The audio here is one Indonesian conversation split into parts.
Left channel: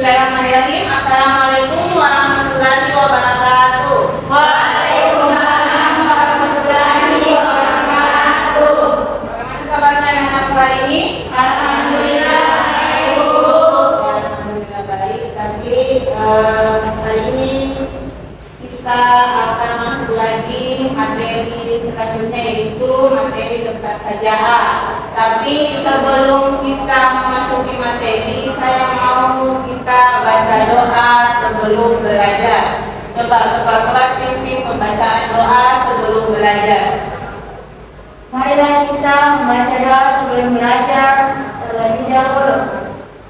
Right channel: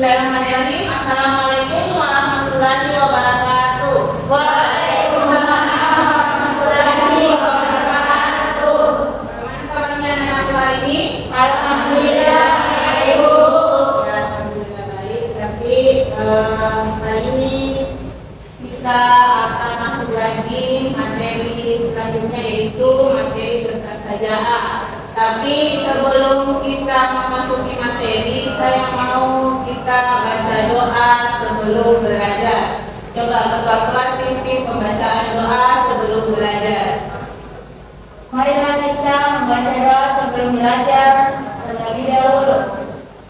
Bismillahirrahmanirrahim. Assalamualaikum warahmatullahi wabarakatuh. Waalaikumsalam warahmatullahi wabarakatuh. Bagaimana kabarnya anak-anak hari ini? Alhamdulillah baik, Bu. Alhamdulillah baik. Tapi hari ini kita akan masuk lagi materi selanjutnya, yaitu materi tentang saja'ah. Tapi sebelum kita memasuki materi, saya mau kita baca doa sebelum belajar. Coba ketua kelas pimpin pembacaan doa sebelum belajar. Marilah kita membaca doa sebelum belajar terlebih dahulu.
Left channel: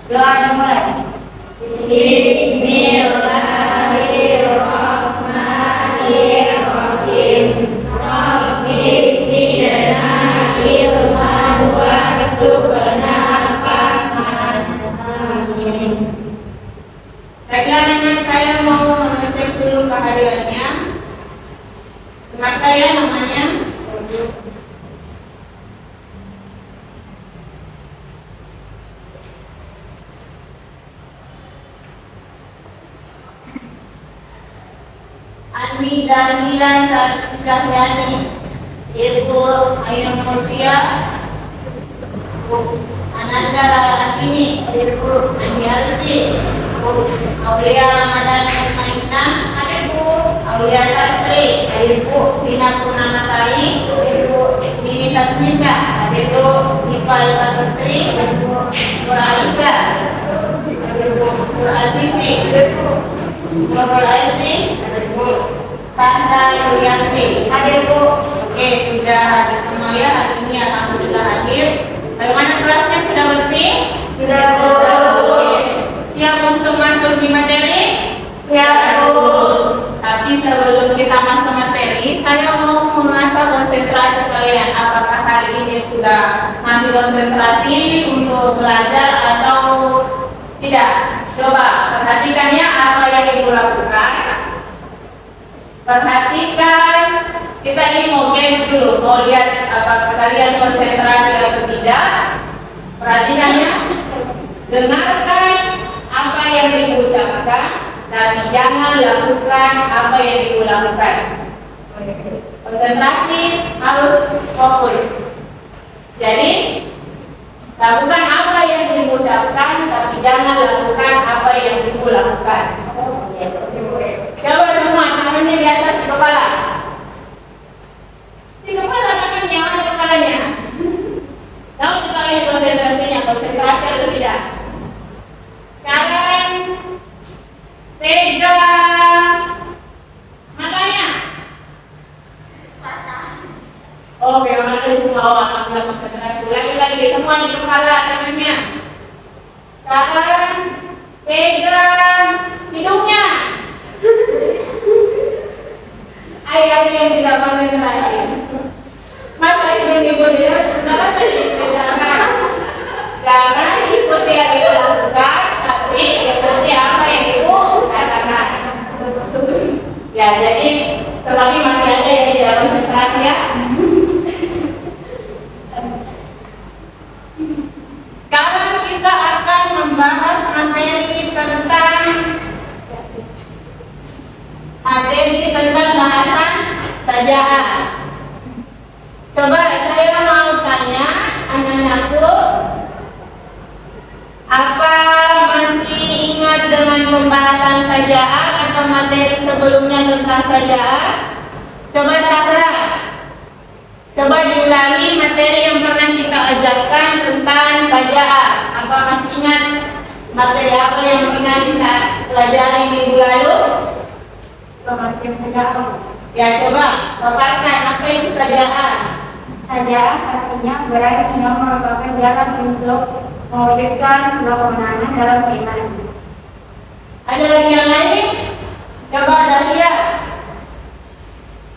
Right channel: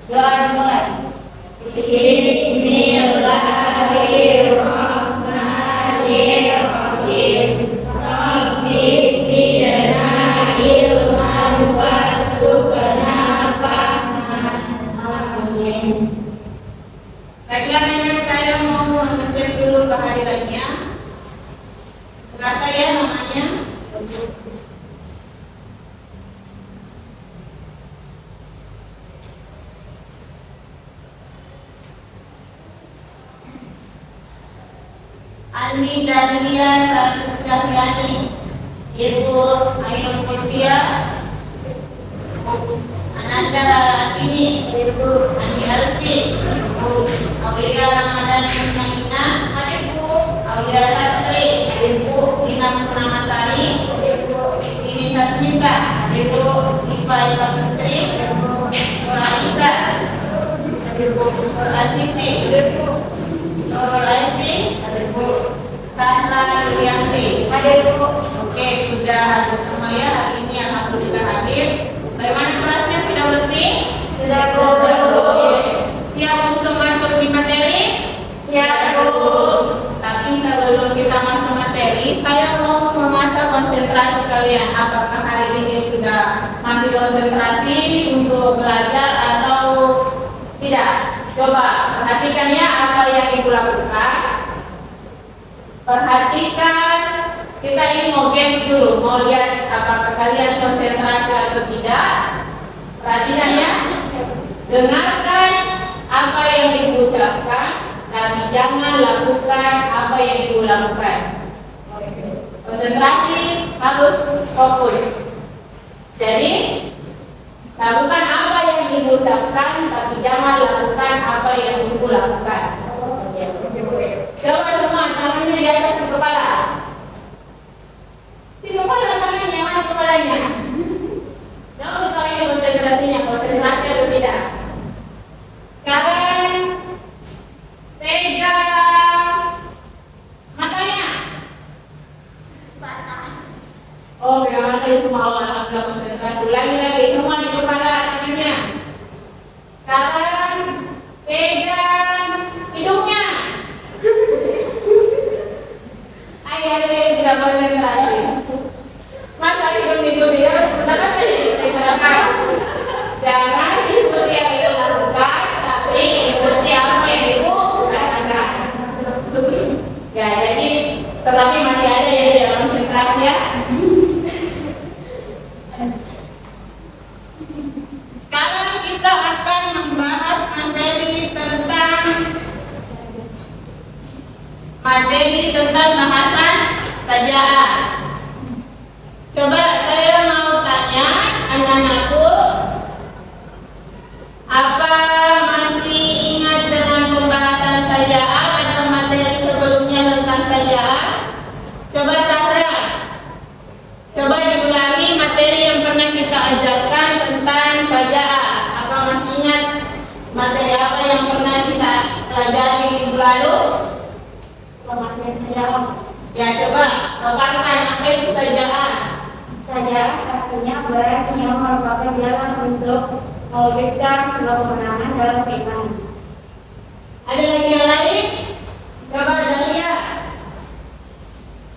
Doa dimulai. Bismillahirrahmanirrahim. Rabbi zidna ilman warzuqna fahman. Amin. Baiklah nenek, saya mau mengecek dulu kehadirannya. Siapa ya namanya? Ani Dahlia Cahyani, Ibu Ainul Mursia, Ananda Lalatini, Ibu Andi Alfi, Aulia Ramadan Ismaina, Aulia Sastri, Ibu Dina Purnamasari, Ibu Dini Sasmita, Ibu Iva Ila Putri, Ibu Aisyah, Ibu Asisi, Nurul Aini, Sandra Yulianti. Hadir, Bu. Oke, sudah hadir semua ya hari ini, alhamdulillah hadir. Bagaimana kelasnya, sudah bersih? Sudah, Bu. Oke. Siap untuk masuk di materi? Siap, Bu. Tapi sebelum kita masuk materi, saya mau mengasah konsentrasi kalian. Apakah hari ini sudah masih konsentrasi untuk belajar atau tidak? Coba perhatikan ya apa yang ibu lakukan. Perhatikan, kita ini mau games dulu, mau lihat apakah kalian konsentrasi atau tidak. Perhatikan ya, dengarkan apa yang diucapkan, tapi jangan lakukan apa yang ibu lakukan. Konsentrasi harus fokus. Jadi lakukan apa yang diucapkan, tapi jangan lakukan apa yang ibu lakukan. Coba semua tangannya di atas di kepala. Di kepala tangannya, mana kepalanya? Tahu kita ini konsentrasinya, konsentrasi atau tidak? Sekarang pegang matanya. Oh, pegang mata di semua orang, alhamdulillah konsentrasi. Lagi semua di kepala tangannya. Sekarang pegang hidungnya. Ayah yang tidak konsentrasi. Masa hidung ya, sudah kan tadi dipegangkan. Jangan ikuti yang ibu lakukan, tapi ikuti apa yang ibu katakan. Ya, jadi tetapi masih ada yang tidak konsentrasi ya. Sekarang kita akan membahas materi tentang bahasan saja'ah. Coba saya mau tanya anak-anakku, apa masih ingat dengan pembahasan saja'ah atau materi sebelumnya tentang saja'ah? Coba Sahra, coba diulangi materi yang pernah kita ajarkan tentang saja'ah. Apa masih ingat materi apa yang pernah kita pelajari minggu lalu? Pengertian saja'ah. Ya, coba paparkan apa itu saja'ah. Saja'ah artinya berani yang merupakan jalan untuk mewujudkan sebuah kemenangan dalam keimanan. Ada lagi yang lain? Coba Dahlia,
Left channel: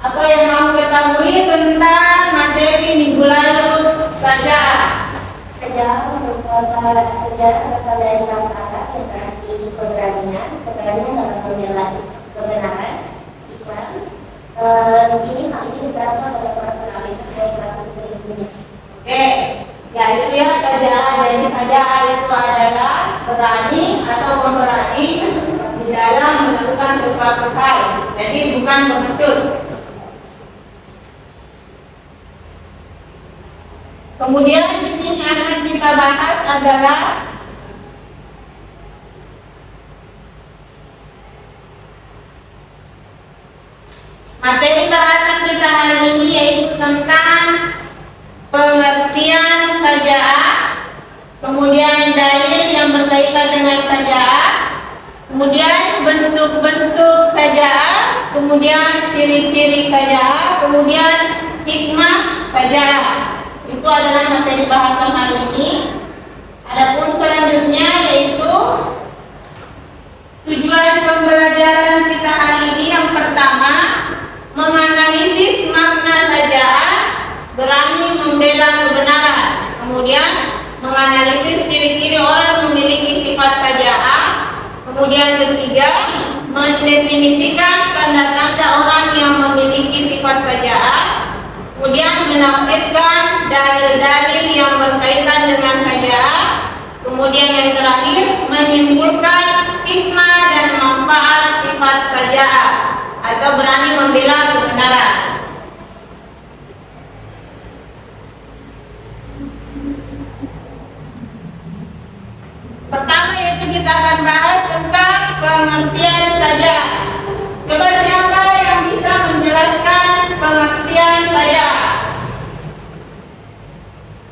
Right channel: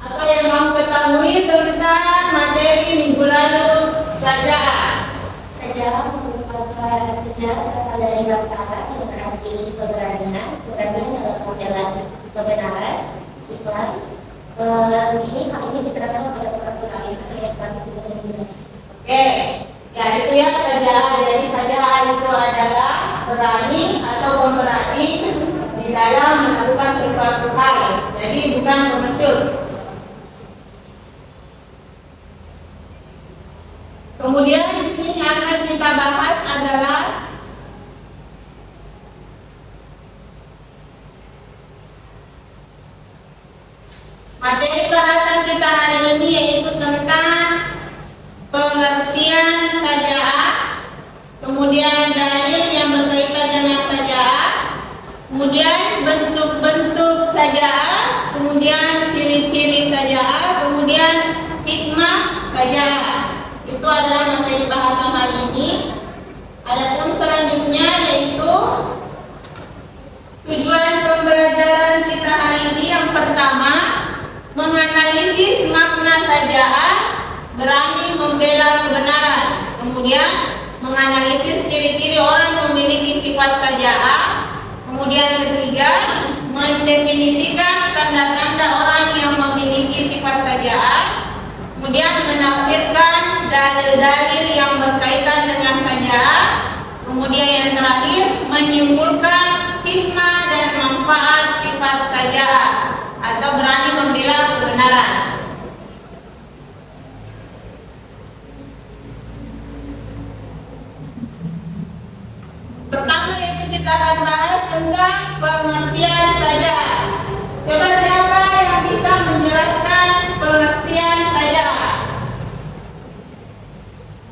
apa yang kamu ketahui tentang materi minggu lalu saja'ah? Saja'ah merupakan berasal dari kata yang berarti keberanian dalam membela kebenaran, ikhlas. Ini hal ini diterapkan pada para penalih ayat 1. Oke, ya itu ya saja'ah. Jadi saja'ah itu adalah berani atau pemberani. berani di dalam melakukan sesuatu hal. Jadi bukan pengecut. Kemudian di sini akan kita bahas adalah materi bahasan kita hari ini, yaitu tentang pengertian saja'ah, kemudian dalil yang berkaitan dengan saja'ah, kemudian bentuk-bentuk saja'ah, kemudian ciri-ciri saja'ah, kemudian hikmah saja'ah. Itu adalah materi bahasan hari ini. Adapun selanjutnya yaitu tujuan pembelajaran kita hari ini. Yang pertama, menganalisis makna saja'ah, berani membela kebenaran. Kemudian menganalisis ciri-ciri orang memiliki sifat saja'ah. Kemudian ketiga, mendefinisikan tanda-tanda orang yang memiliki sifat saja'ah. Kemudian menafsirkan dalil-dalil yang berkaitan dengan saja'ah. Kemudian yang terakhir, menyimpulkan hikmah dan manfaat sifat saja'ah atau berani membela kebenaran. Pertama yaitu kita akan bahas tentang pengertian saja'ah. Coba siapa yang bisa menjelaskan pengertian saja'ah?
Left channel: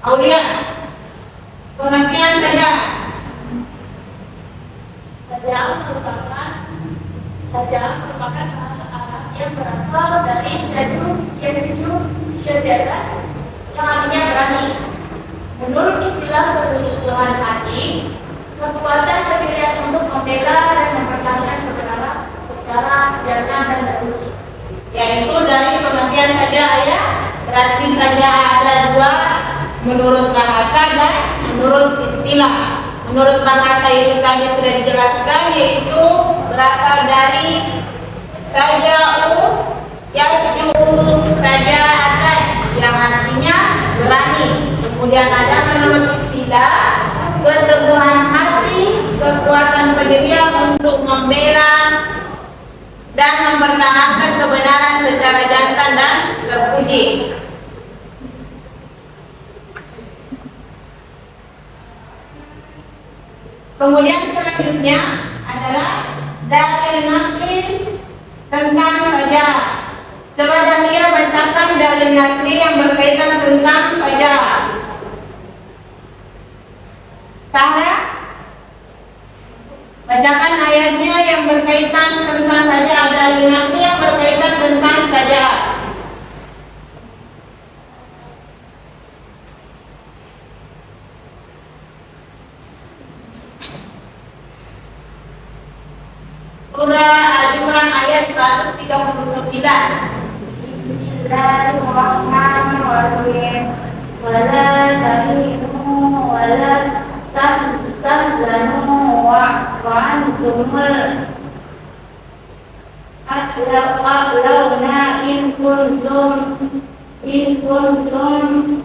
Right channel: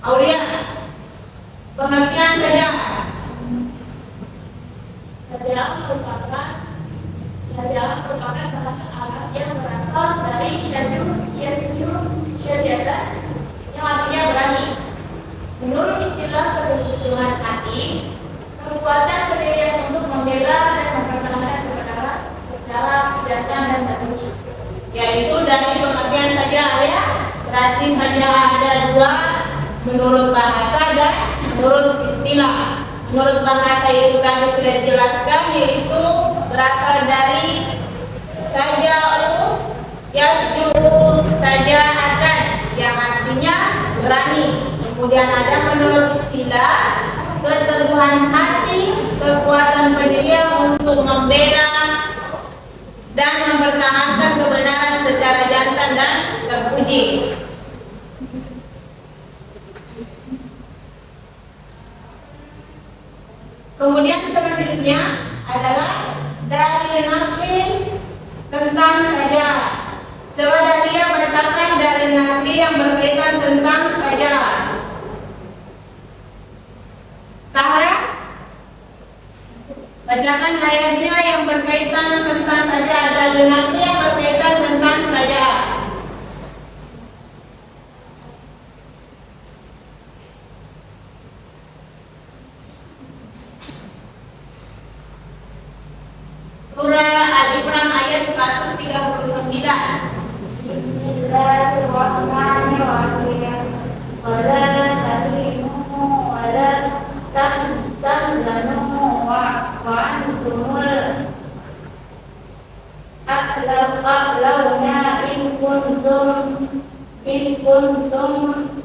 Aulia, pengertian saja'ah. Saja'ah merupakan bahasa Arab yang berasal dari syaju, yasju, syaja'ah, yang artinya berani. Menurut istilah kebutuhan hati, kekuatan pendirian untuk membela dan mempertahankan kebenaran secara nyata dan terbukti. Yaitu dari pengertian saja'ah ya. Berarti saja'ah ada dua, menurut bahasa dan menurut istilah. Menurut bahasa itu tadi sudah dijelaskan, yaitu berasal dari saja'u, yasju'u, saja'atan, yang artinya berani. Kemudian ada menurut istilah keteguhan hati, kekuatan pendirian untuk membela dan mempertahankan kebenaran secara jantan dan terpuji. Kemudian selanjutnya adalah dalil naqli tentang saja'ah. Coba Dahlia bacakan dalil naqli yang berkaitan tentang saja'ah. Sahra, bacakan ayatnya yang berkaitan tentang saja'ah, dalil naqli yang berkaitan tentang saja'ah. Surah Al-Imran ayat 139. Bismillahirrahmanirrahim. Wala tahinu wala tahzanu wa antumul a'launa in kuntum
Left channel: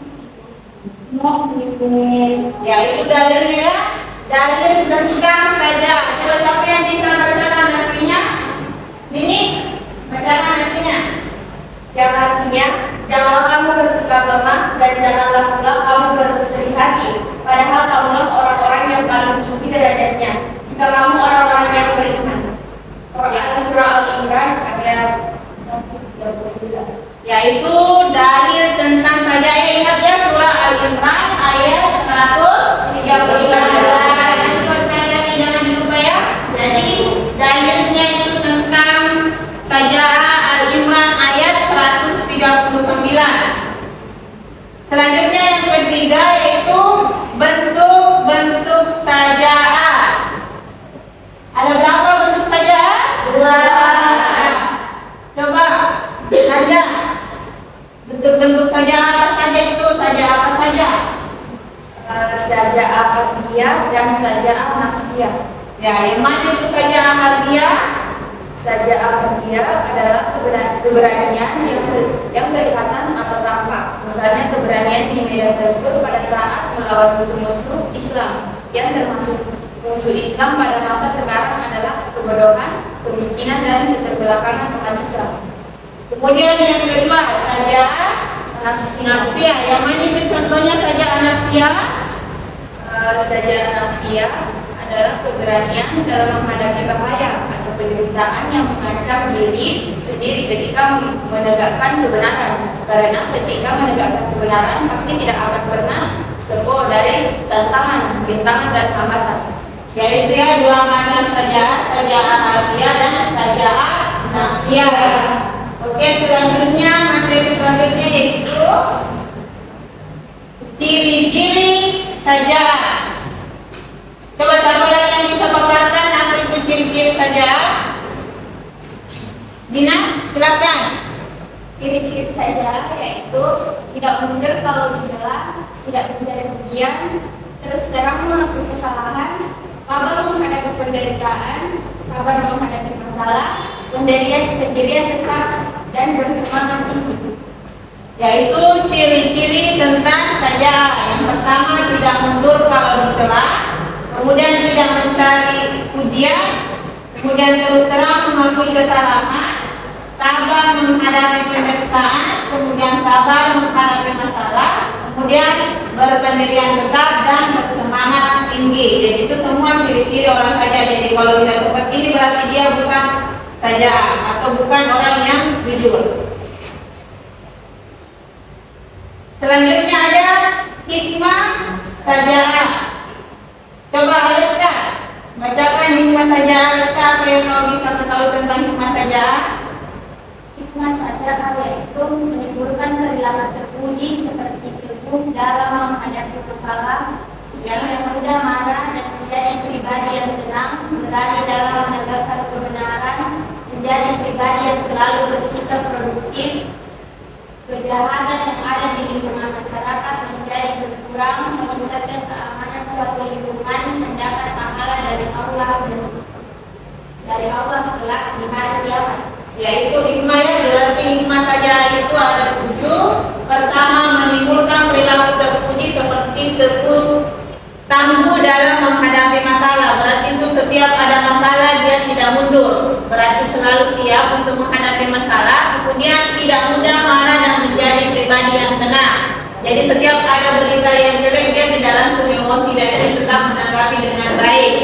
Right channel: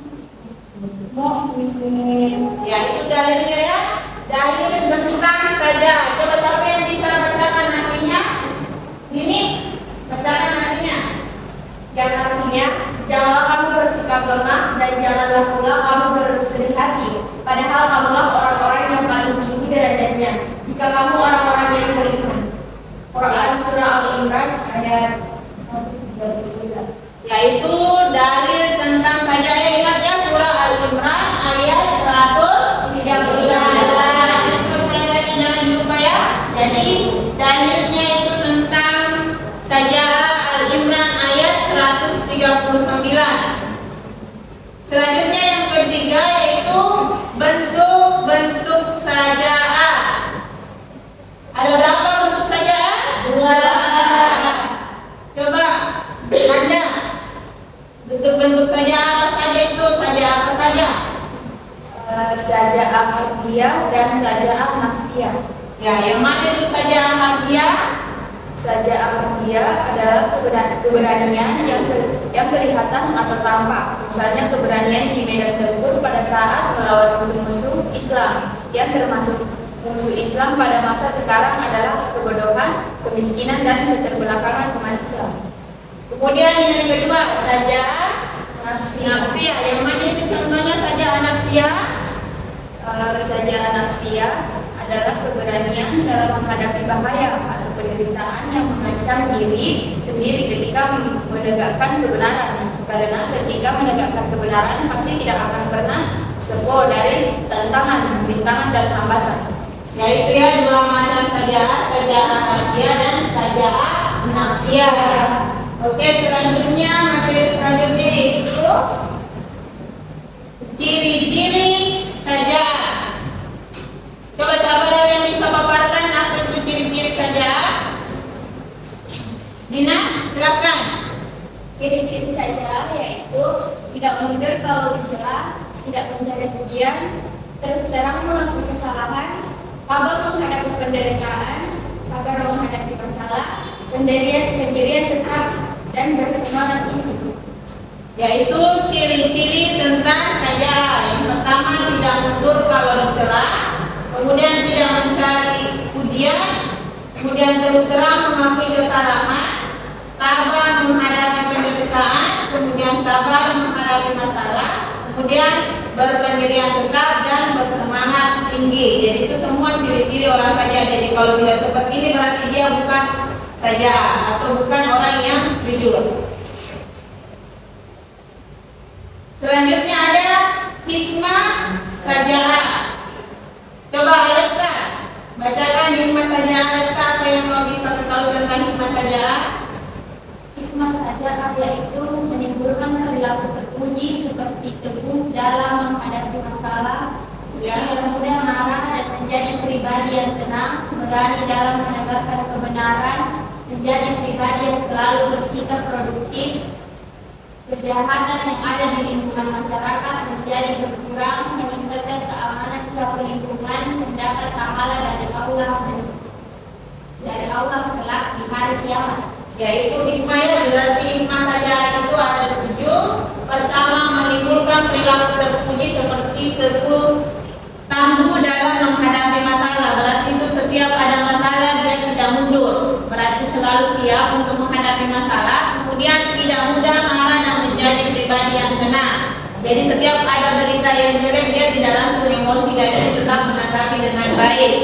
mu'minin. Ya, itu dalilnya, dalil tentang saja'ah. Coba siapa yang bisa bacakan artinya? Nini, bacakan artinya. Yang artinya, janganlah kamu bersikap lemah dan janganlah pula kamu bersedih hati. Padahal kamulah orang-orang yang paling tinggi derajatnya jika kamu orang-orang yang beriman. Quran Surah Al-Imran ayat 139. Yaitu dalil tentang saja'ah. Ingat ya, surah Al-Imran ayat 139. Jangan lupa ya. Jadi dalilnya itu tentang saja'ah Al-Imran ayat 139. Selanjutnya yang ketiga yaitu bentuk-bentuk saja'ah. Ada berapa bentuk saja'ah? Dua. Coba Nanda, bentuk-bentuk saja'ah apa saja itu? Saja'ah apa saja? Saja'ah hadiah dan saja'ah nafsiyah. Ya, yang mana itu saja'ah hadiah? Saja'ah hadiah adalah keberanian yang kelihatan atau tampak. Misalnya keberanian di medan tempur pada saat melawan musuh-musuh Islam yang termasuk Musuh Islam pada masa sekarang adalah kebodohan, kemiskinan, dan keterbelakangan umat Islam. Kemudian yang kedua, sajaa Nafsiyah. nafsiyah. Yang mana itu contohnya sajaa nafsiyah? Sajaa nafsiyah adalah keberanian dalam menghadapi bahaya atau penderitaan yang mengancam diri sendiri ketika menegakkan kebenaran. Karena ketika menegakkan kebenaran pasti tidak akan pernah sepo dari tantangan, rintangan, dan hambatan. Yaitu ya dua macam sajaa, sajaa hadiah dan sajaa nafsiyah. Oke, selanjutnya materi selanjutnya yaitu ciri-ciri sajaa. Coba siapa lagi yang bisa paparkan apa itu ciri-ciri sajaa? Dina, silakan. Ciri-ciri sajaa yaitu tidak mundur kalau dicela, tidak mencari pujian, terus terang mengakui kesalahan, sabar menghadapi penderitaan, sabar menghadapi masalah, pendirian tetap, dan bersemangat tinggi. Yaitu ciri-ciri tentang sajaa. Yang pertama, tidak mundur kalau dicela, kemudian tidak mencari pujian, kemudian terus terang mengakui kesalahan, sabar menghadapi penderitaan, kemudian sabar menghadapi masalah, kemudian berpendirian tetap dan bersemangat tinggi. Jadi itu semua ciri-ciri orang sajaa. Jadi kalau tidak seperti ini berarti dia bukan sajaa atau bukan orang yang jujur. Selanjutnya ada hikmah sajaa. Coba Alexa, bacakan hikmah sajaa. Alexa, apa yang kau bisa ketahui tentang hikmah sajaa? Hikmah sajaa yaitu menimbulkan perilaku terpuji seperti teguh dalam menghadapi masalah, Ya. tidak mudah marah, dan menjadi pribadi yang tenang, berani dalam menegakkan kebenaran, menjadi pribadi yang selalu bersikap produktif, kejahatan yang ada di lingkungan masyarakat menjadi berkurang, meningkatkan keamanan suatu lingkungan, mendapat pahala dari Allah kelak di hari kiamat. Yaitu hikmah ya, berarti hikmah sajaa itu ada 7. Pertama, menimbulkan perilaku terpuji seperti teguh tangguh dalam menghadapi masalah. Berarti itu setiap ada masalah dia tidak mundur, berarti selalu siap untuk menghadapi masalah. Kemudian tidak mudah marah dan menjadi pribadi yang tenang. Jadi setiap ada berita yang jelek dia tidak langsung emosi dan dia tetap menanggapi dengan baik.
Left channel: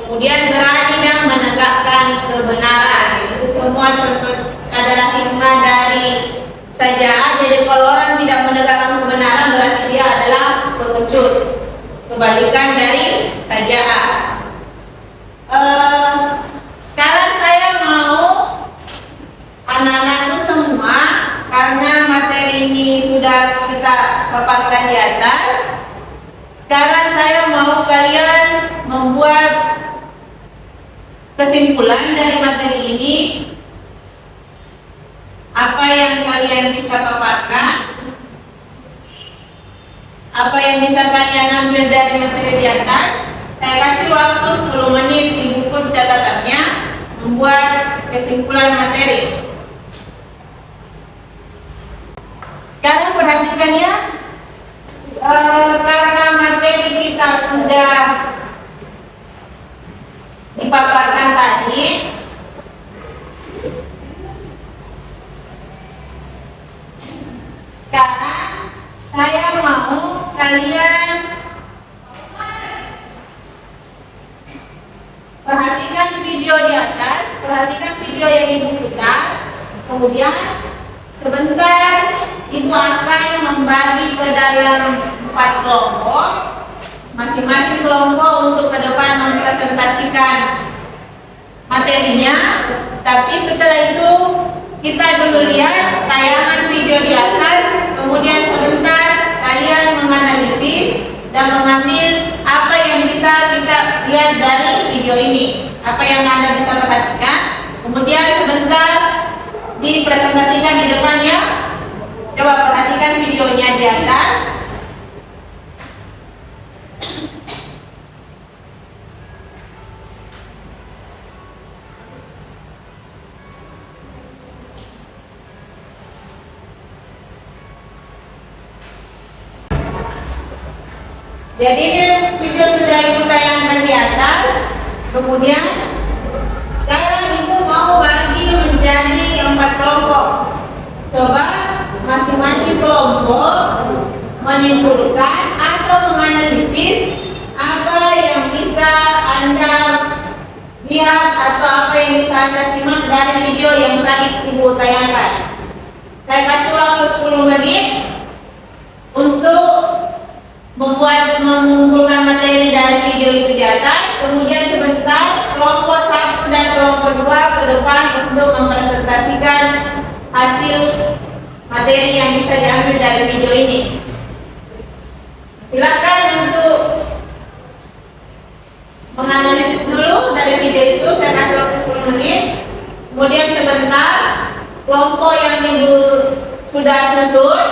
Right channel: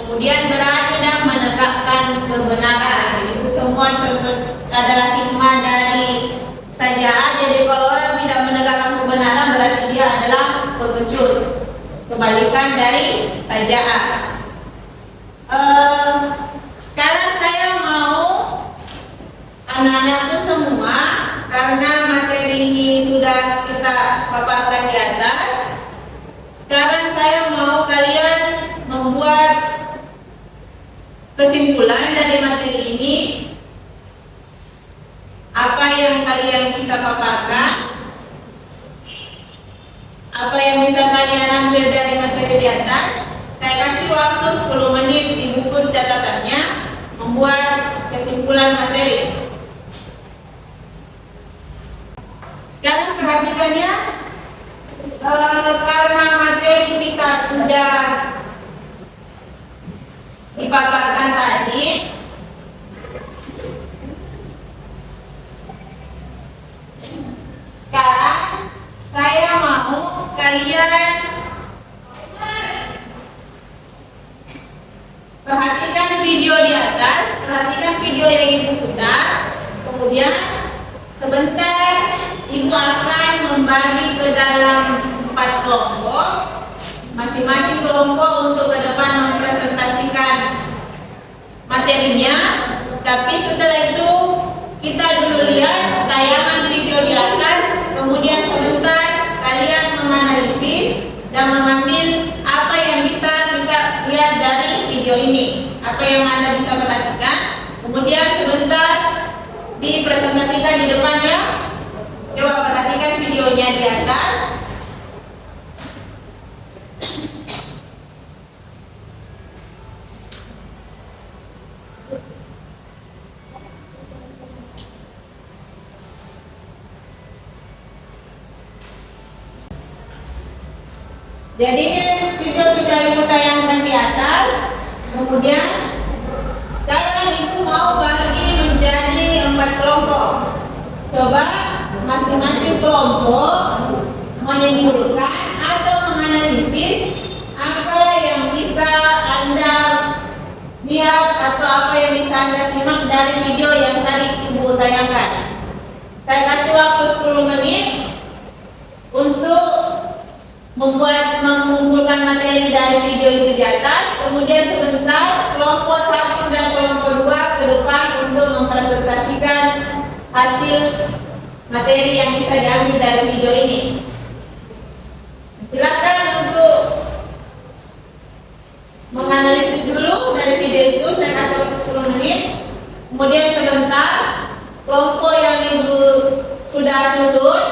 Kemudian berani dan menegakkan kebenaran. Itu semua contoh adalah hikmah dari sajaa. Jadi kalau orang tidak menegakkan kebenaran berarti dia adalah pengecut. Kebalikan dari sajaa. Sekarang saya mau anak-anak itu semua, karena materi ini sudah kita paparkan di atas. Sekarang saya mau kalian membuat kesimpulan dari materi ini. Apa yang kalian bisa paparkan? Apa yang bisa kalian ambil dari materi di atas? Saya kasih waktu 10 menit di buku catatannya membuat kesimpulan materi. Sekarang perhatikan ya, karena materi kita sudah dipaparkan tadi, sekarang saya mau kalian perhatikan video di atas, perhatikan video yang ibu putar. Kemudian sebentar ibu akan membagi ke dalam 4 kelompok. Masing-masing kelompok untuk ke depan mempresentasikan materinya. Tapi setelah itu kita dulu lihat tayangan video di atas. Kemudian sebentar kalian menganalisis dan mengambil apa yang bisa kita lihat dari video ini, apa yang Anda bisa perhatikan. Kemudian sebentar dipresentasikan di depan ya. Coba perhatikan videonya di atas. Jadi ini video sudah ibu tayangkan di atas. Kemudian sekarang ibu mau bagi menjadi 4 kelompok. Coba masing-masing kelompok menyimpulkan atau menganalisis apa yang bisa Anda lihat atau apa yang bisa Anda simak dari video yang tadi ibu tayangkan. Saya kasih waktu 10 menit untuk mengumpulkan materi dari video itu di atas. Kemudian sebentar kelompok 1 dan kelompok 2 ke depan untuk mempresentasikan hasil materi yang bisa diambil dari video ini. Silakan untuk menganalisis dulu dari video itu. Saya kasih waktu 10 menit. Kemudian sebentar kelompok yang ibu sudah susun,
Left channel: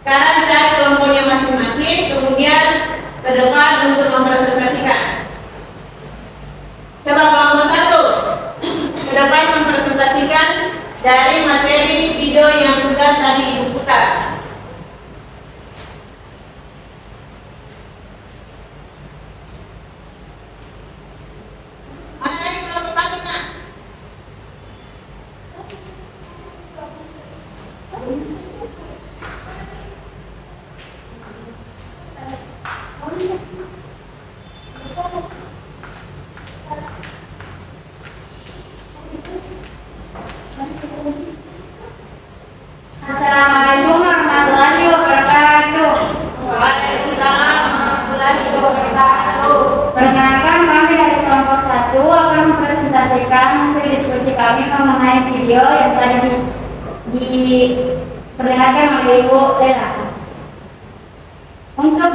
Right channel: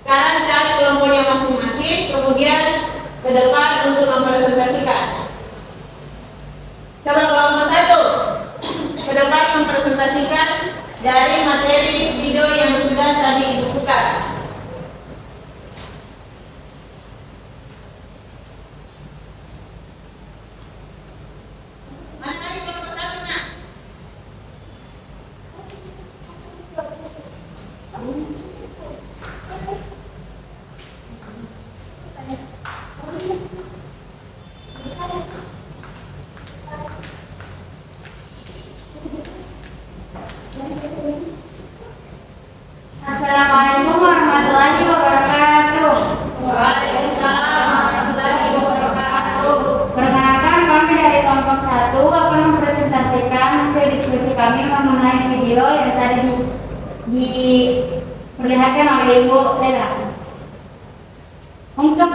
sekarang cari kelompoknya masing-masing, kemudian ke depan untuk mempresentasikan. Coba kelompok 1 ke depan mempresentasikan dari materi video yang sudah tadi ibu putar. Mana lagi kelompok 1 nak? Assalamualaikum warahmatullahi wabarakatuh. Waalaikumsalam warahmatullahi wabarakatuh. Perkenalkan, kami dari kelompok 1 akan mempresentasikan hasil diskusi kami mengenai video yang tadi diperlihatkan oleh Ibu Lela. Untuk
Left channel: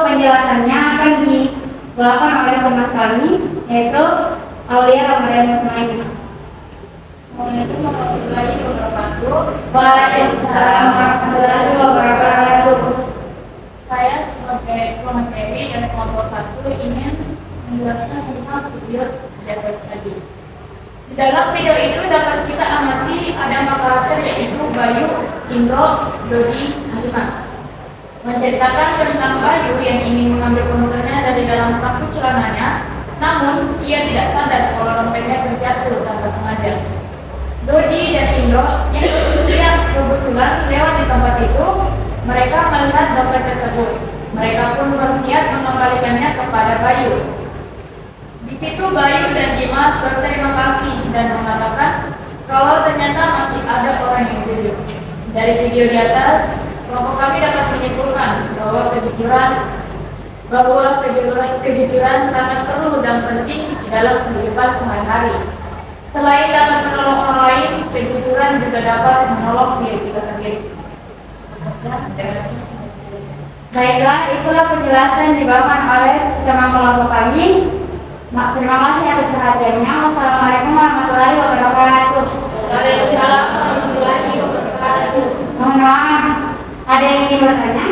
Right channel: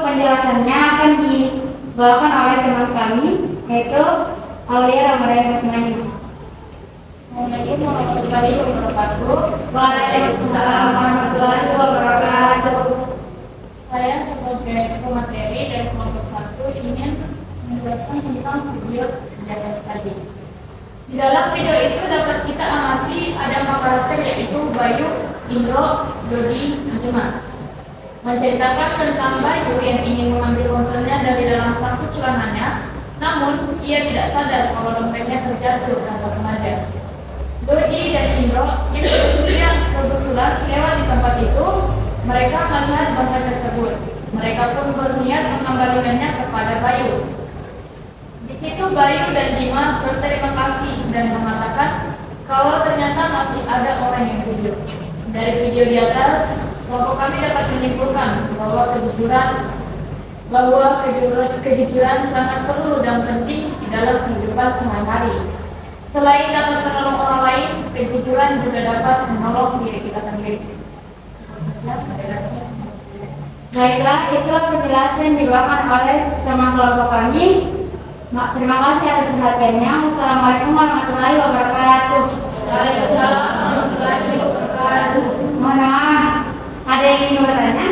penjelasannya akan dibawakan oleh teman kami, yaitu Aulia Ramadan Mutmainah. Assalamualaikum warahmatullahi wabarakatuh. Waalaikumsalam warahmatullahi wabarakatuh. Saya sebagai pemateri dari kelompok 1 ingin menjelaskan tentang video di atas tadi. Di dalam video itu dapat kita amati ada 4 karakter, yaitu Bayu, Indro, Dodi, Dimas. Menceritakan tentang Bayu yang ingin mengambil ponselnya dari dalam saku celananya, namun ia tidak sadar kalau dompetnya terjatuh tanpa sengaja. Dodi dan Indro yang kebetulan lewat di tempat itu, mereka melihat dompet tersebut. Mereka pun berniat mengembalikannya kepada Bayu. Di situ Bayu dan Dimas berterima kasih dan mengatakan kalau ternyata masih ada orang yang jujur. Dari video di atas, kelompok kami dapat menyimpulkan bahwa kejujuran sangat perlu dan penting di dalam kehidupan sehari-hari. Selain dapat menolong orang lain, kejujuran juga dapat menolong diri kita sendiri. Baiklah, itulah penjelasan yang dibawakan oleh teman kelompok kami. Terima kasih atas perhatiannya. Wassalamualaikum warahmatullahi wabarakatuh. Waalaikumsalam warahmatullahi wabarakatuh. Mohon maaf, ada yang ingin bertanya?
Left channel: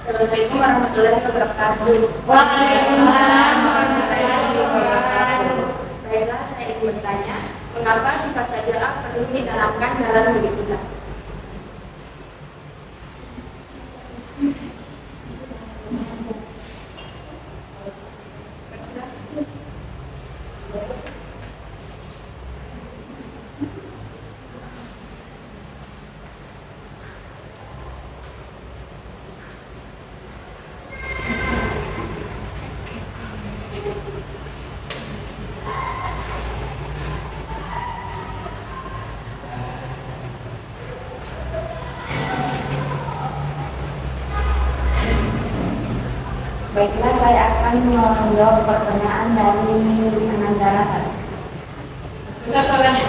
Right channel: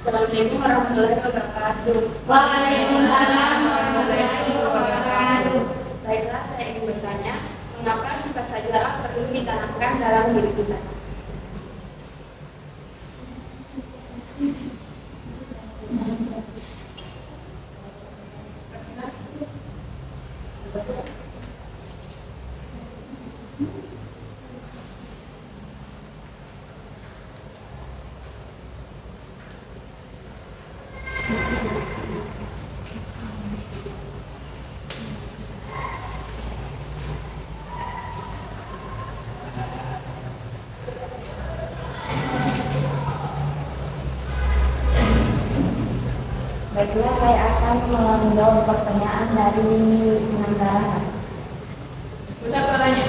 Assalamualaikum warahmatullahi wabarakatuh. Waalaikumsalam warahmatullahi wabarakatuh. Baiklah, saya ingin bertanya, mengapa sifat sajdaah perlu ditanamkan dalam diri kita? Baiklah, saya akan menjawab pertanyaan dari Anandara. Besar suaranya.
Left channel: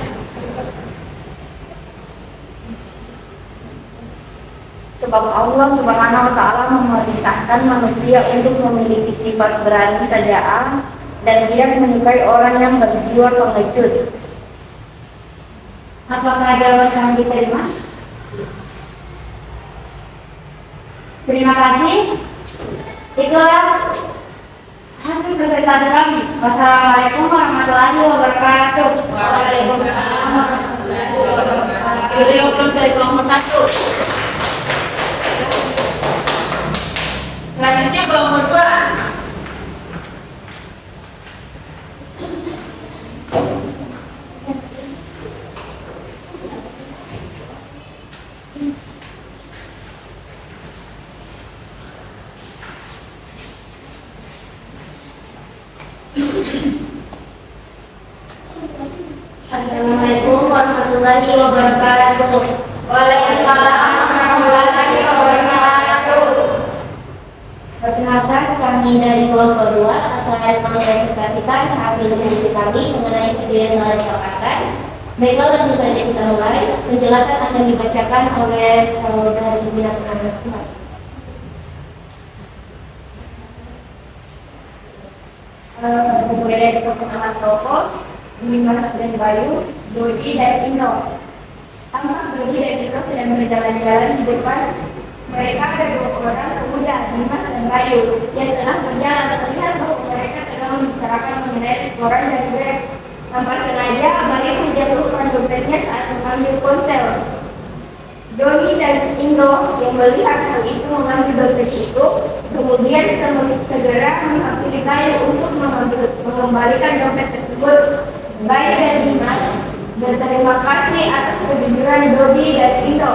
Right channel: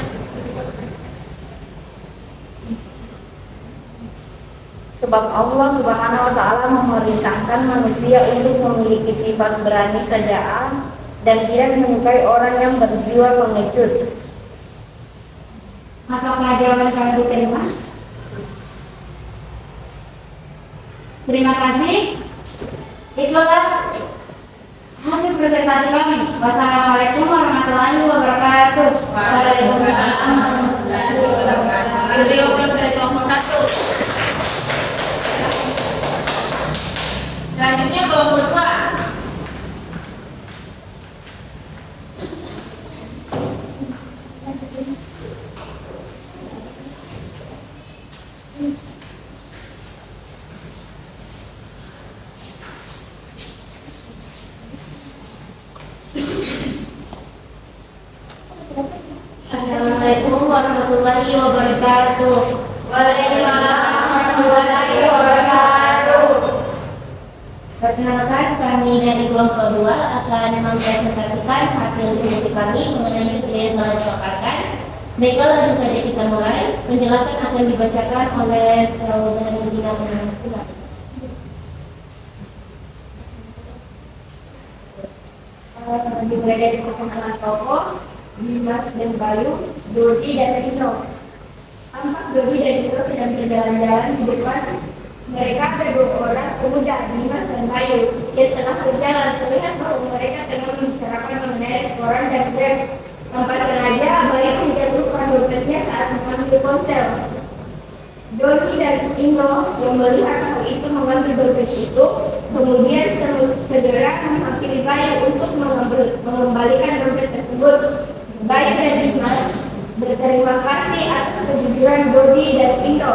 Sebab Allah Subhanahu wa Ta'ala memerintahkan manusia untuk memiliki sifat berani sajdaah dan tidak menyukai orang yang berjiwa pengecut. Apakah jawaban kami diterima? Terima kasih. Itulah hasil presentasi kami. Wassalamualaikum warahmatullahi wabarakatuh. Waalaikumsalam warahmatullahi wabarakatuh. Video belum dari kelompok 1. kelompok 2. Assalamualaikum warahmatullahi wabarakatuh. Waalaikumsalam warahmatullahi wabarakatuh. Perkenalkan, kami dari kelompok 2 akan mempresentasikan hasil uji kami mengenai video yang telah dipaparkan. Baiklah, langsung saja kita mulai. Penjelasan akan dibacakan oleh Saudari Dina Penangan Sumat. Mulai dari perkenalan tokoh, Dimas dan Bayu, Dodi dan Ino. Tampak Dodi dan Ino sedang berjalan-jalan di depan. Mereka ada 2 orang pemuda, Dimas dan Bayu, yang tengah berjalan. Terlihat bahwa mereka tengah membicarakan mengenai restoran dan Grab. Tanpa sengaja, Bayu menjatuhkan dompetnya saat mengambil ponsel. Dodi dan Ino yang melihat hal itu mengambil dompet itu, kemudian segera menghampiri Bayu untuk mengembalikan dompet tersebut. Bayu dan Dimas berterima kasih atas kejujuran Dodi dan Ino.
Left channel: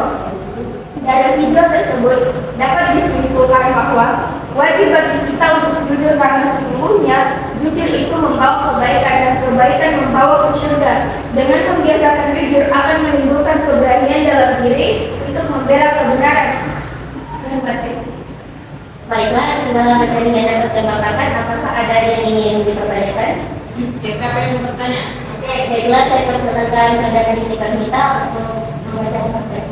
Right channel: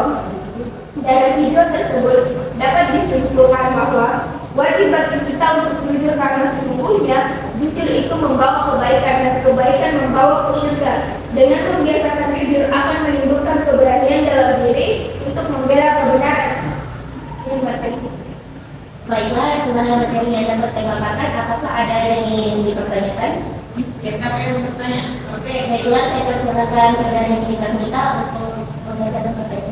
Dari video tersebut dapat disimpulkan bahwa wajib bagi kita untuk jujur karena sesungguhnya jujur itu membawa kebaikan dan kebaikan membawa ke surga. Dengan membiasakan jujur akan menimbulkan keberanian dalam diri untuk membela kebenaran. Baiklah, dalam materi yang dapat ditambahkan, apakah ada yang ingin dipertanyakan? Oke, siapa yang mau bertanya? Oke. Baiklah, saya persilakan saudara Jennifer Mita untuk membacakan materi.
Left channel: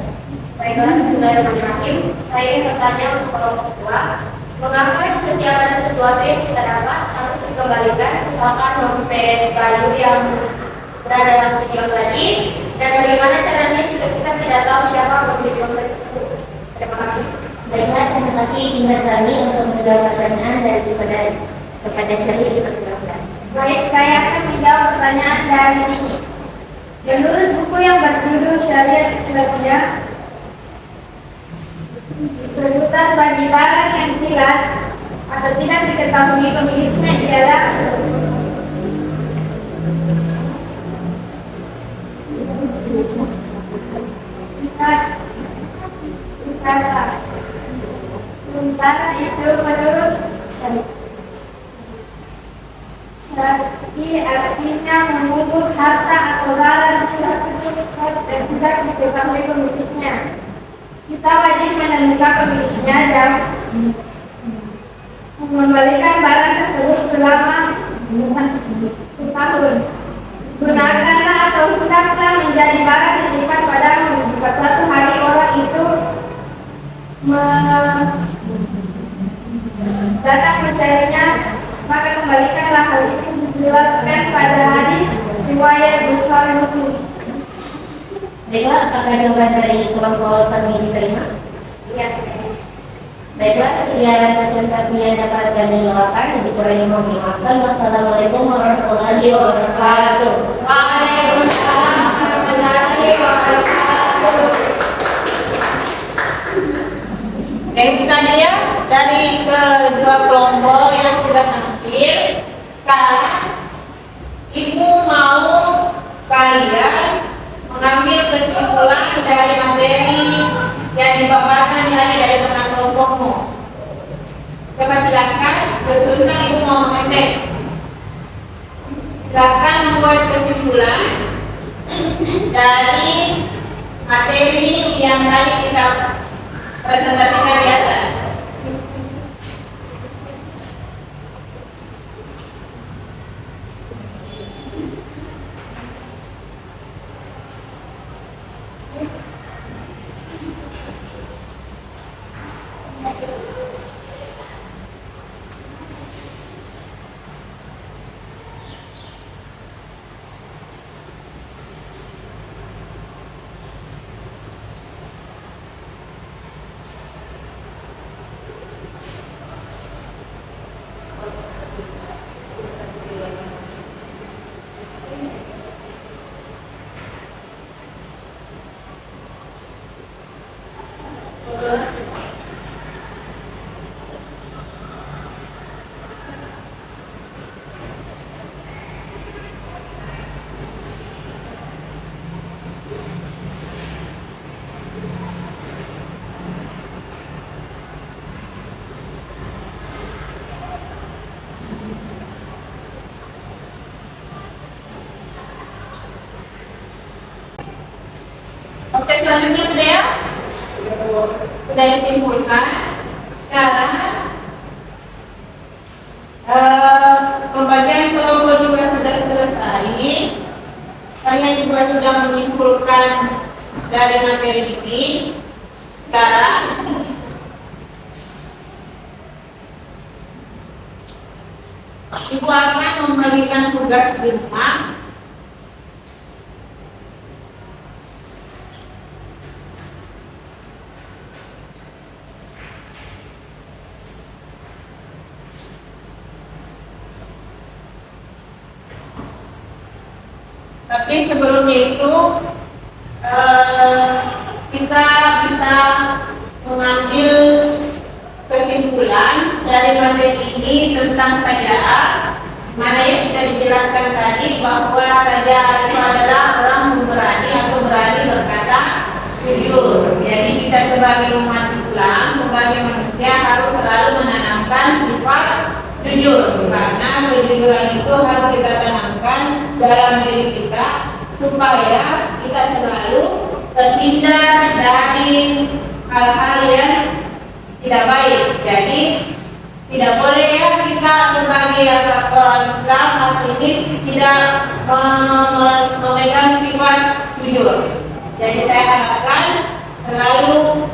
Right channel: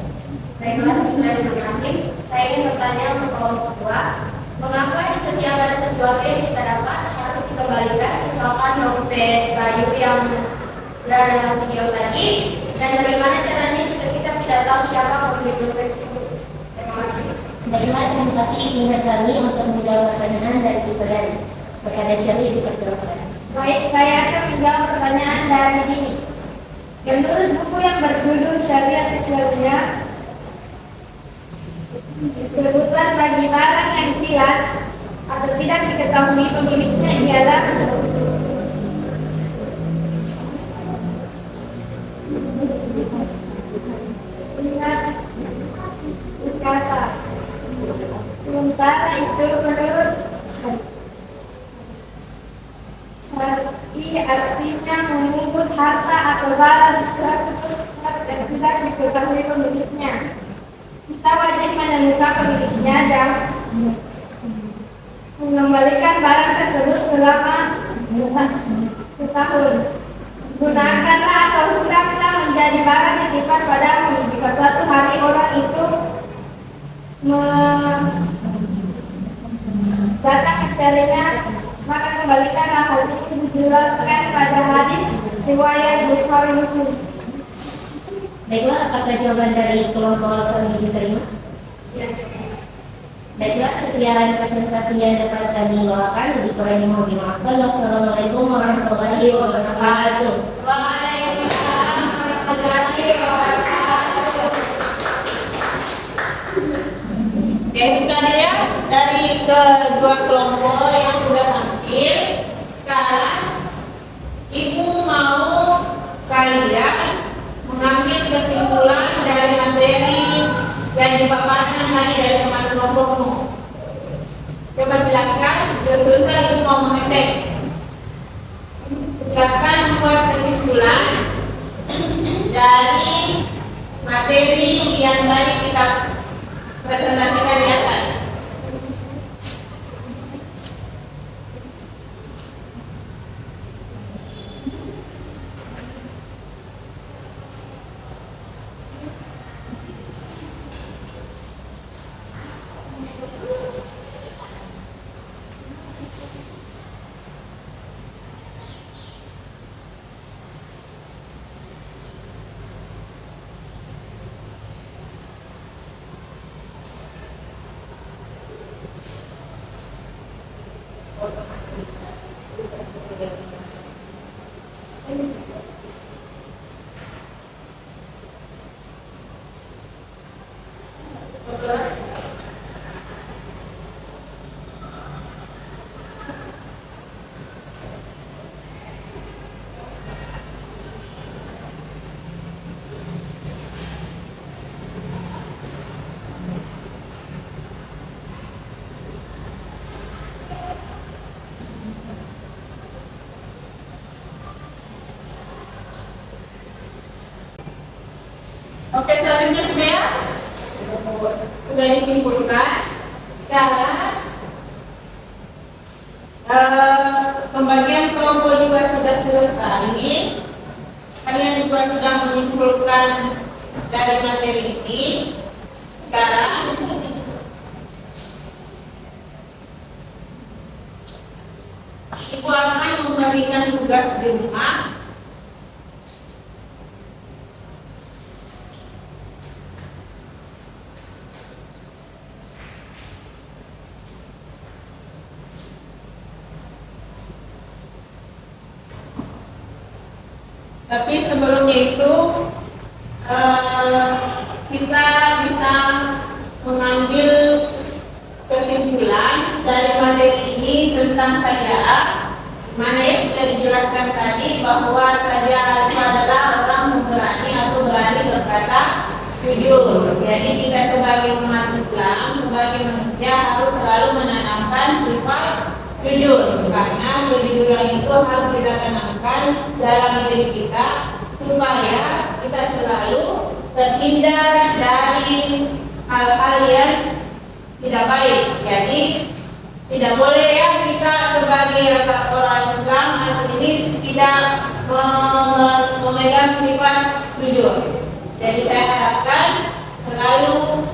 Baiklah, bismillahirrahmanirrahim. Saya ingin bertanya untuk kelompok 2. Mengapa di setiap ada sesuatu yang kita dapat harus dikembalikan, misalkan dompet Bayu yang berada dalam video tadi, dan bagaimana caranya jika kita tidak tahu siapa pemilik dompet tersebut? Terima kasih. Baiklah, terima kasih Ibu kami untuk menjawab pertanyaan dari kepada Shelly dipersilakan. Baik, saya akan menjawab pertanyaan dari ini. Menurut buku yang berjudul Syariat Islamiyah, sebutan bagi barang yang hilang atau tidak diketahui pemiliknya ialah kata. Sementara itu menurut artinya mengubur harta atau barang dan tidak diketahui pemiliknya. Kita wajib menemukan pemiliknya dan mengembalikan barang tersebut selama setahun. Gunakanlah atau hendaklah menjadi barang titipan padamu. Jika suatu hari orang itu datang mencarinya, maka kembalikanlah. Hal itu dijelaskan pada hadis riwayat Bukhari Muslim. Baiklah, apakah jawaban dari kelompok kami diterima? Iya. Baiklah, sekian presentasi yang dapat kami bawakan. Lebih kurangnya mohon dimaafkan. Wassalamualaikum warahmatullahi wabarakatuh. Waalaikumsalam warahmatullahi wabarakatuh. Ya, itu tadi ya dari kedua kelompok yang sudah tampil. Sekarang Ibu mau kalian mengambil kesimpulan dari materi yang dipaparkan tadi dari teman kelompokmu. Coba silakan, berusaha Ibu mau mengecek. Silakan membuat kesimpulan dari materi yang tadi kita presentasikan di atas. Oke, selanjutnya sudah ya? Sudah disimpulkan. Sekarang pembagian kelompok juga sudah selesai. Kalian juga sudah menyimpulkan dari materi ini. Sekarang Ibu akan membagikan tugas di rumah. Tapi sebelumnya itu kita bisa mengambil kesimpulan dari materi ini tentang saja'ah, mana yang sudah dijelaskan tadi bahwa saja'ah itu adalah orang pemberani atau berani berkata jujur. Jadi kita sebagai umat Islam, sebagai manusia harus selalu menanamkan sifat jujur, karena kejujuran itu harus kita tanamkan dalam diri kita supaya kita selalu terhindar dari hal-hal yang tidak baik. Jadi tidak boleh ya kita sebagai orang Islam atau ini tidak memegang sifat jujur. Jadi saya harapkan selalu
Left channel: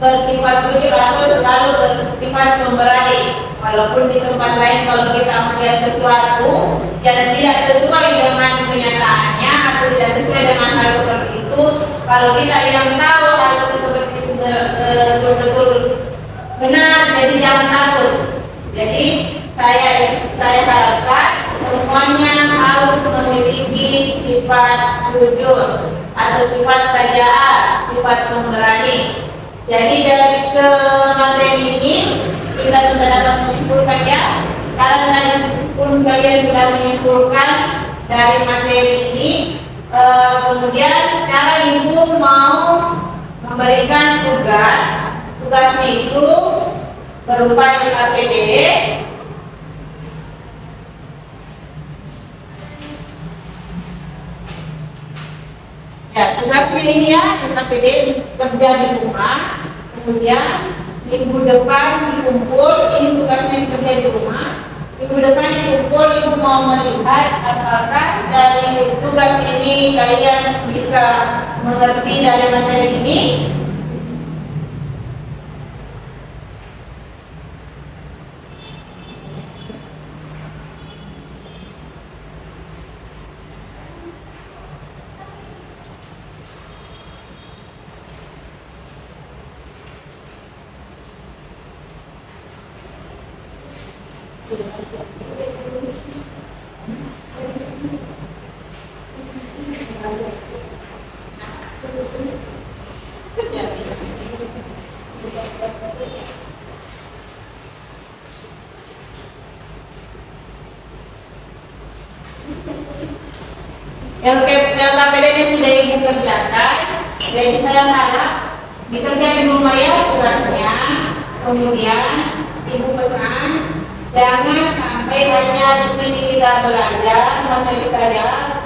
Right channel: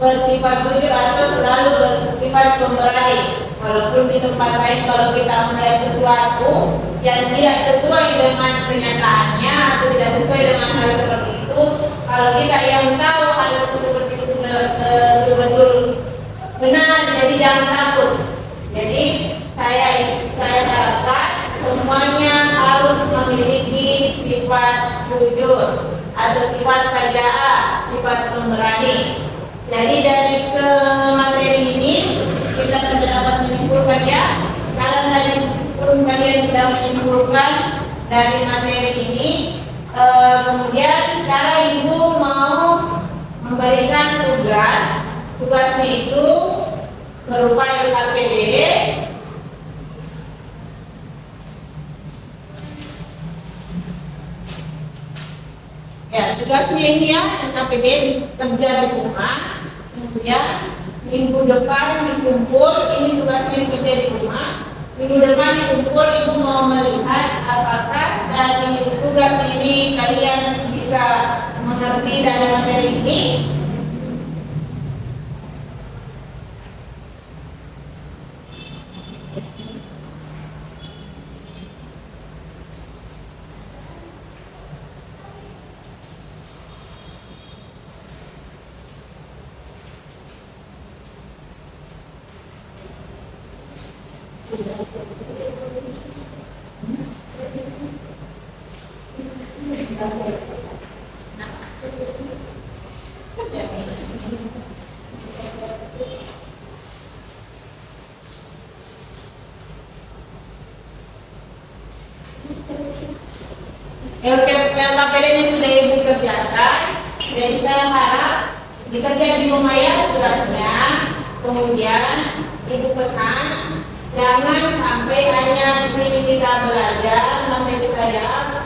bersifat jujur atau selalu bersifat pemberani. Walaupun di tempat lain kalau kita melihat sesuatu yang tidak sesuai dengan kenyataannya atau tidak sesuai dengan hal seperti itu, kalau kita yang tahu hal itu seperti itu betul-betul benar, jadi jangan takut. Jadi saya harapkan semuanya harus memiliki sifat jujur atau sifat saja'ah, sifat pemberani. Jadi dari ke materi ini kita sudah dapat menyimpulkan ya. Sekarang tadi pun kalian sudah menyimpulkan dari materi ini. Kemudian sekarang ibu mau memberikan tugas. Tugasnya itu berupa LKPD. Ya, tugasnya ini ya, LKPD kerja di rumah. Kemudian minggu depan dikumpul, ini tugasnya kerja di rumah. Minggu depan dikumpul, ibu mau melihat apakah dari tugas ini kalian bisa mengerti dari materi ini. LKPD-nya sudah ibu kerjakan, jadi saya harap dikerja di rumah ya tugasnya. Kemudian ibu pesan jangan sampai hanya di sini kita belajar masih saja.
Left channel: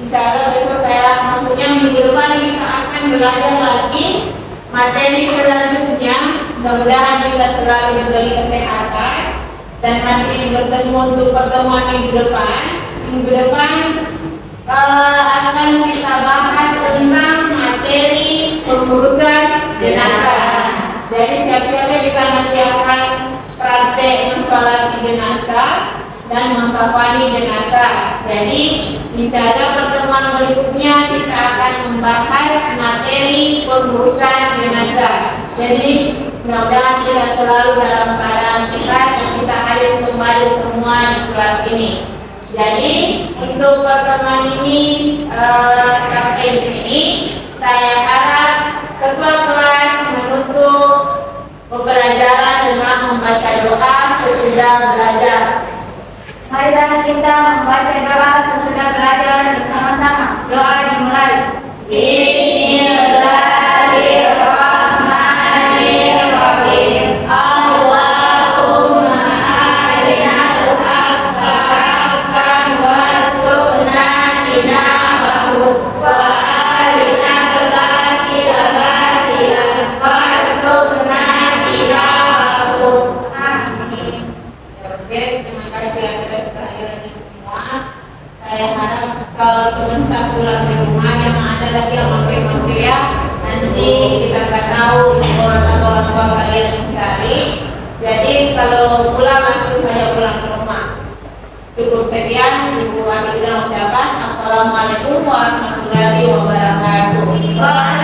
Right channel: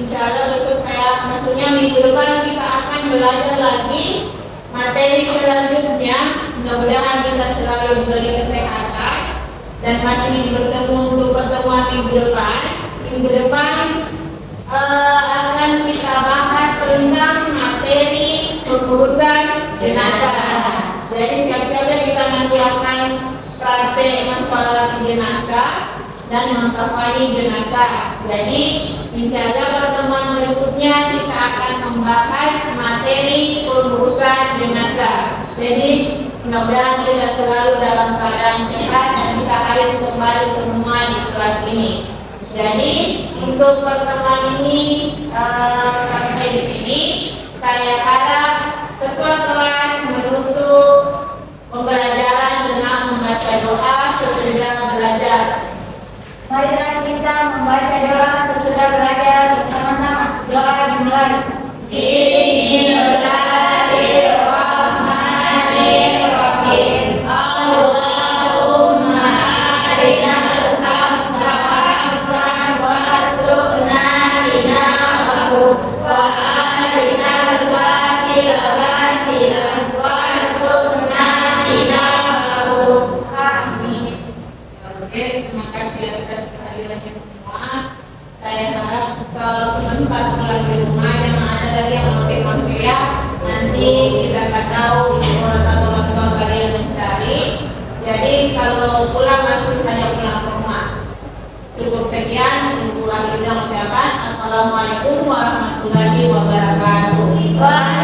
Insya Allah besok saya, maksudnya minggu depan kita akan belajar lagi materi selanjutnya. Mudah-mudahan kita selalu diberi kesehatan dan masih bertemu untuk pertemuan minggu depan. Minggu depan akan kita bahas tentang materi pengurusan jenazah. Jadi siap-siapnya kita nanti akan praktek mensolati jenazah dan mengkafani jenazah. Jadi insya Allah pertemuan berikutnya kita akan membahas materi pengurusan jenazah. Jadi mudah-mudahan kita selalu dalam keadaan sehat dan bisa hadir kembali semua di kelas ini. Jadi untuk pertemuan ini sampai di sini. Saya harap ketua kelas menutup pembelajaran dengan membaca doa sesudah belajar. Marilah kita membaca doa sesudah belajar bersama-sama. Doa dimulai. Bismillahirrahmanirrahim. Allahumma arinal haqqa haqqan warzuqna tinabahu wa arinal batil sebentar pulang di rumah, jangan ada lagi yang mampir-mampir ya. Nanti kita nggak tahu ibu orang atau orang tua kalian mencari. Jadi kalau pulang langsung saja pulang ke rumah. Cukup sekian, Ibu Akhirnya ucapan. Assalamualaikum warahmatullahi wabarakatuh.